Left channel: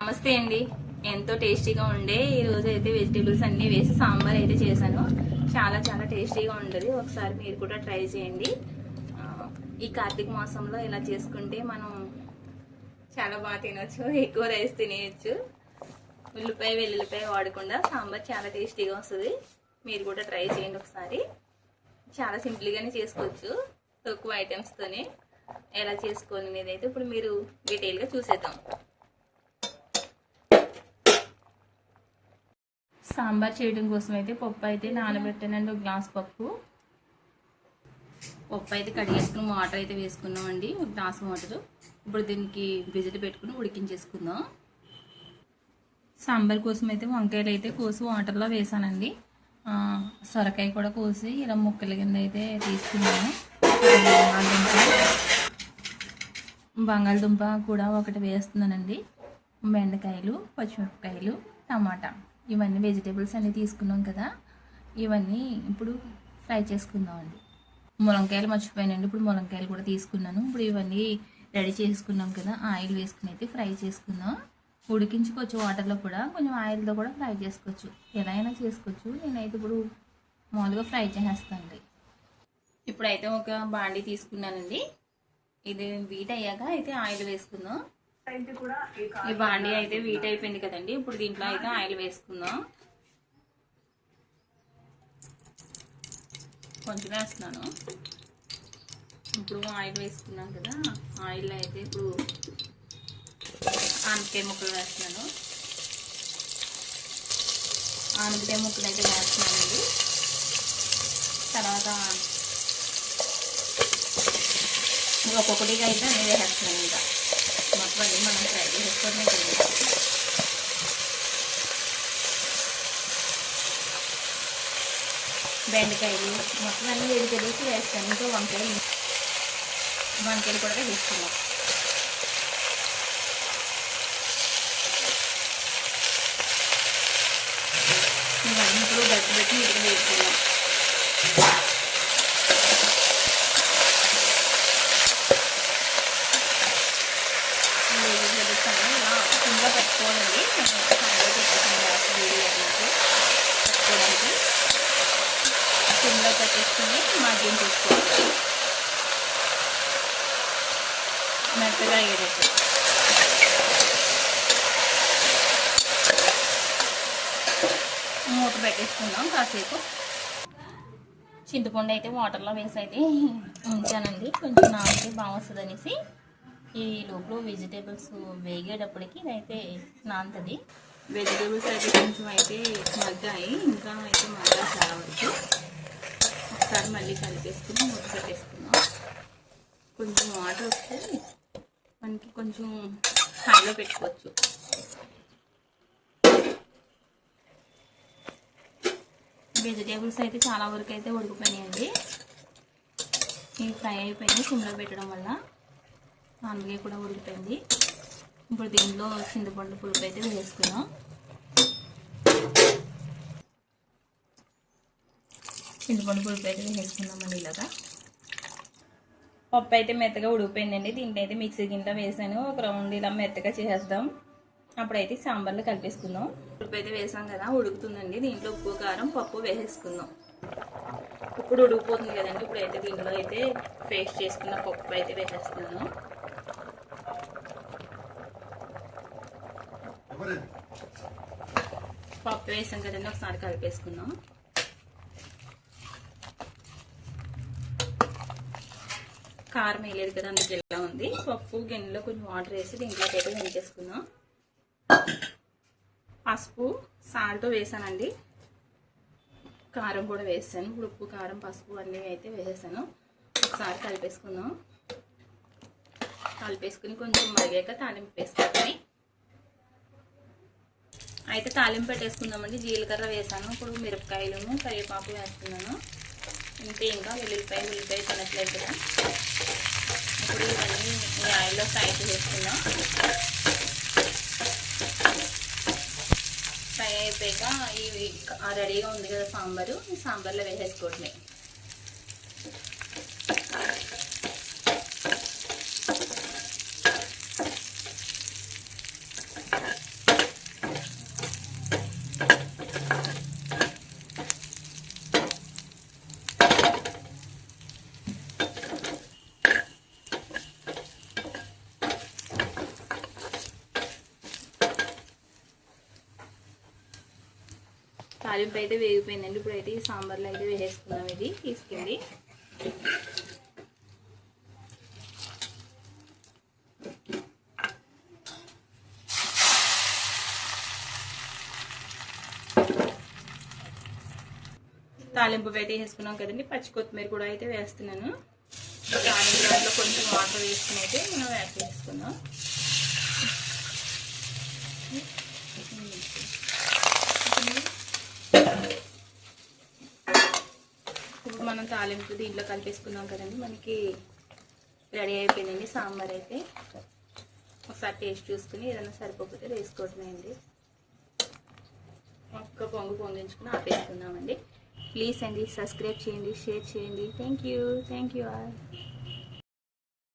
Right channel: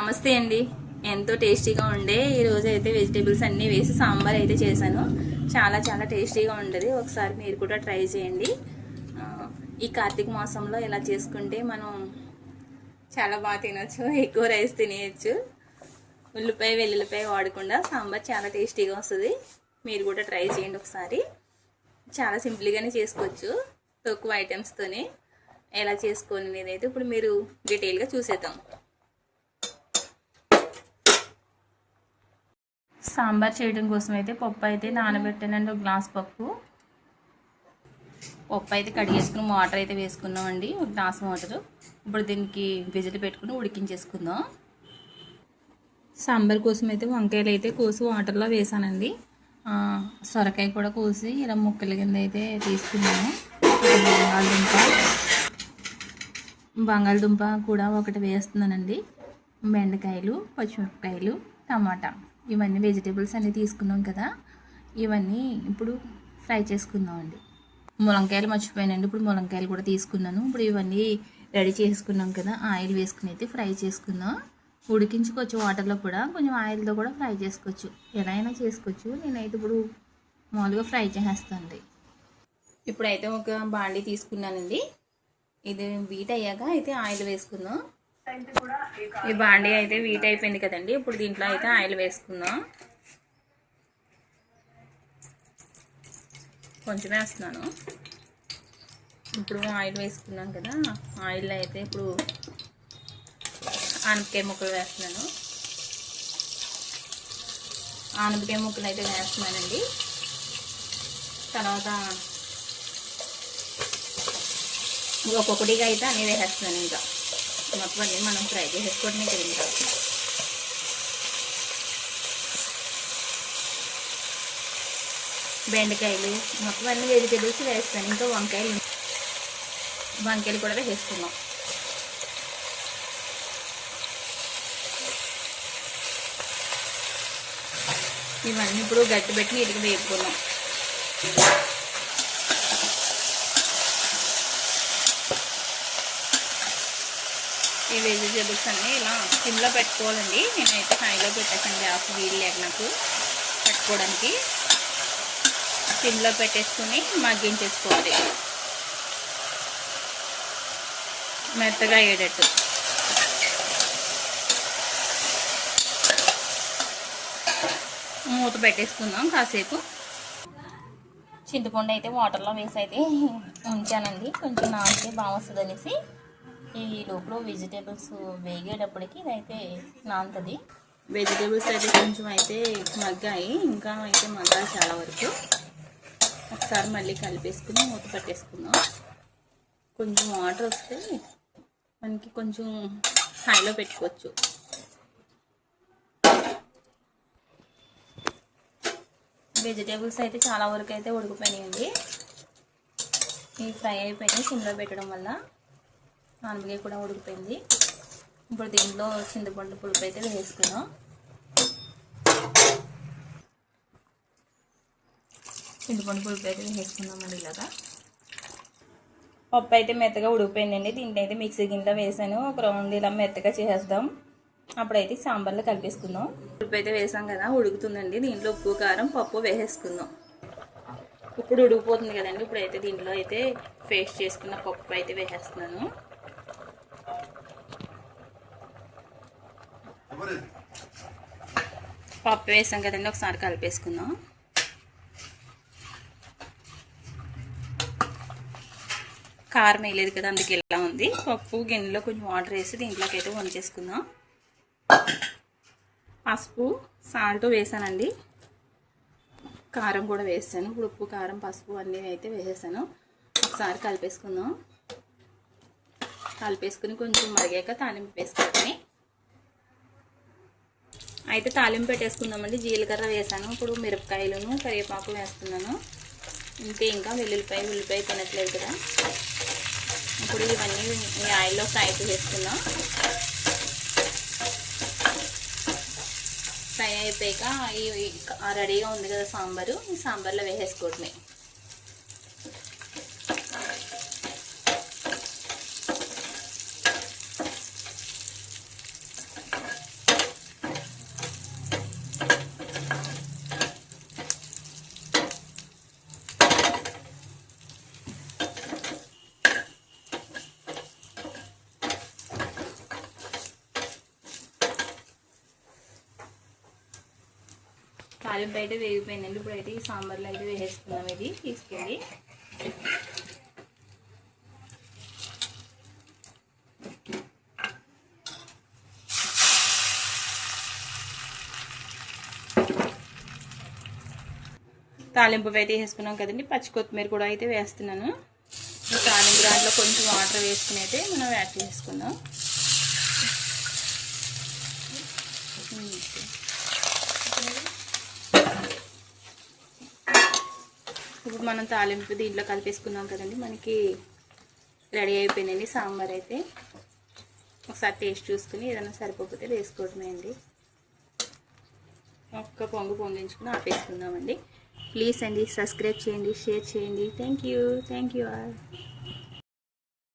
నమస్తే అండి. ఎంతో టేస్టీగా ఉండే ఈరోజు అయితే వెజిటేబుల్స్ అన్నీ వేసి సాంబార్ అయితే చేశాను. చాలా చాలా టేస్టీగా ఉండదు. ఒకసారి మీరు కూడా ట్రై చేయండి. ఈ కార్తీక మాసంలో ఇలా చేసుకుంటే మనం చాలా బాగా తినొచ్చు. ఎక్కువ రైస్ తినేయచ్చు. ఉల్లిపాయ వెల్లుల్లిపాయ వాడకుండా సాంబార్ చాలా టేస్టీగా వస్తుంది. మీరు కూడా ట్రై చేయండి ఒకసారి. చాలా సింపుల్గానే చేసుకోవచ్చు. తక్కువ ఐటమ్స్తోనే ఎలా చేసుకోవాలనేది అయితే ఇప్పుడు మీరు డీటెయిల్గా చూసేద్దాం. సాంబార్ చేయడం కోసం అయితే పప్పు అయితే నానబెట్టానండి ఒక గ్లాస్ పప్పు. పప్పు అయితే కడిగేసుకుని వాటర్ అయితే వేసుకున్నామండి ఒక గ్లాస్ వాటర్. ఇప్పుడు దీనికి విజిల్ పెట్టుకుని ఉడికించేసుకుందాం. సాంబార్ కోసం అయితే వంకాయలు అయితే కోసి వాటర్లో వేసానండి. సొరకాయ కూడా కోసి ఇలా ముక్కల కింద అయితే తీసుకున్నాను బంగాళదుంప. బంగాళదుంప కూడా ఒకటి వేస్తున్నానండి. బెండకాయలు పచ్చిమిరపకాయలు టమాటా. ఇవన్నీ వెజిటేబుల్స్ అన్నీ తీసుకున్నాం కదా. ఇవన్నీ ఇప్పుడు ఫ్రై చేసుకుందామండి. ములంకాయలు మర్చిపోయానండి. ఇప్పుడు ములంకాయలు కూడా తీసుకున్నాను. ఇప్పుడు ఇవన్నీ రెడీ చేసుకున్నాం కదా. ఆయిల్ వేసుకుని అయితే ఫ్రై చేసుకుందాం. ఉడికించుకోవచ్చు వాటర్లో కూడా కొంచెం ఆయిల్తో కూడా ఫ్రై చేసుకోవచ్చు. ఎలా అయినా చేసుకోవచ్చు. నేనైతే ఇప్పుడు మామూలుగా ఫ్రై చేసేస్తానండి. ఇప్పుడైతే ఒక బాండీ తీసుకున్నానండి. ఇది వీట్ అయ్యాక అయితే ఆయిల్ వేసుకుందాం. ఈ బాండీ అయితే వీట్ అయిపోయింది కదండి. ఇప్పుడు దీంట్లో అయితే ఆయిల్ వేసుకుందాం. కొంచెం వేస్తున్నాను. ఇప్పుడు ఆయిల్ వేసుకున్నాం కదా ఆయిల్ అయితే ఇప్పుడు ఆనపకాయ ముక్కలు వేస్తున్నాను. ఆనపకాయ ముక్కలు అయితే వేస్తున్నానండి. తర్వాత ఒక్కొక్కటిగా అయితే అన్నీ వేసేస్తున్నాను ఇంకా. మొత్తం అన్నీ మనం ఫ్రై చేసేసుకోవడమే తెలియదు బెండకాయలు మొత్తం అన్ని వెజిటేబుల్స్ వేస్తాను. ఇంకా వంకాయలు వంకాయలు కూడా వేస్తున్నాం ఇవన్నీ ఇప్పుడు గట్టి పెట్టి ఇటుకు వేసుకున్నాం ఈ వెజిటేబుల్స్ అన్నీ ఇలా స్కిన్లో పెట్టుకోవాలండి. నేనైతే హైలో పెట్టేసాను గ్యాస్ వేడి నాకు పెట్టుకోవడానికి. స్కిన్లో పెట్టేసుకుని మగ్గించేసుకోవాలి మెత్తగా అయ్యేటట్టు. మూత పెట్టేసుకుందాం కాసేపు. చింతపండు అయితే వాటర్లో వేసి అయితే ఉంచానండి. కొంచెం నానితే బాగా వస్తుంది అనేసి ఈ లోపల వెజిటేబుల్స్ వేగేటప్పటికి ఇదైతే నాంతది వెజిటేబుల్స్ అయితే కొంచెం అయితే మగ్గాయి ఇంకా అయితే మగ్గాయి చాలా వరకు. ఒకసారి మళ్ళీ కలిపేసుకుని మూత పెట్టేసుకుందాం. కొంచెం వాటర్ వస్తే మనకి కొంచెం హైలో పెట్టుకోవచ్చు. వెజిటేబుల్స్ అయితే చాలా వరకు అయితే ఉడికిపోయినాయండి. ఇవి ఫ్రై అయిపోయినాయి సిమ్లో పెట్టడం వల్ల. ఆనపకాయ కూడా ఉడికిపోయింది. ఇప్పుడు దీంట్లో చింతపండు పులుపు అయితే వేసుకున్నాం చింతపండు పులుపు అయితే వేసుకున్నామండి ఇలాగా. పప్పు అయితే మెత్తగా ఉడికిపోయిందండి. దీంట్లో అయితే మిక్సీ గిన్నెలో వేసాను. ఒక రౌండ్ ఇలా మెత్తగా చేసేద్దాం. అప్పుడైతే సాంబార్లో కలిపేసుకుందాం. ఉప్పు అయితే వేసాం కదా ఉడుకుతుందండి. దీంట్లో ఉప్పు కారం పప్పు వేసేసుకుందాం. ఇప్పుడు ఉడికిపోతుంది కదండి. ఇప్పుడైతే దీంట్లో అయితే పేస్ట్ చేసుకున్న పప్పు అయితే వేసేస్తున్నాను. పప్పు వేసాం కదండి ఒకసారి కలిపేసుకుందాం. కారం వేయలేదు కదా అందుకే ఇలా ఉంది. పప్పు గిన్నెలో కొంచెం వాటర్ వేసి దీంట్లోకి అయితే వంచేసుకుందాం పసుపు సాల్ట్ వేసానండి. కారం కూడా వేసాను. ఇప్పుడు ఉప్పు కారం పసుపు అన్నీ అయితే వేసేసాను. ఒకసారి కలిపేసుకుందాం. కలిపేసుకుని కొంచెం మరిగాక తాలింపు వేసుకొని అయితే తాలింపు పెట్టేసుకుందామండి జీలకర్ర వేసాను. ఇప్పుడు మిరపకాయలను కరివేపాకు వేస్తున్నాను. ఇంతే ఇంకా వెల్లుల్లిపాయ ఉల్లిపాయ తినట్లేదు కదా. ఇప్పుడు ఇవన్నీ ఈ ఆయిల్లో ఫ్రై చేసుకుందాం ఫ్రై అయిపోయాక ఇవి రెడీగా ఉంది కదా సాంబారు. ఈ సాంబార్లో వేసేసుకోవటమే తాలింపు అయితే వేగిపోయిందండి. ఇప్పుడు అయితే ఈ సాంబార్లో అయితే వేసేసుకుందాం. ఇది తీసుకెళ్ళి. తాలింపు అయితే వేసుకున్నాం కదండి. పచ్చి కొత్తిమీర కూడా అయితే వేస్తున్నాను. తాలింపు దాంట్లో కొంచెం వాటర్ వేసుకుని అయితే మనం యాడ్ చేసుకున్నాం ఇప్పుడు మనం తాలింపు దీంట్లో కలిపేసుకున్నాం కదండి. మనకి రెడీ అయిపోయిందండి సాంబార్ అయితే. ఒకసారి టేస్ట్ చూసుకుని ఏదైనా సరిపోతే వేసుకోవడమే అండి ఒక్క పొంగు పొంగించుకుని ఆపేసుకుందామండి. ప్లీజ్ అండి సబ్స్క్రైబ్ చేయండి షేర్ చేయండి. Thank you thank you all.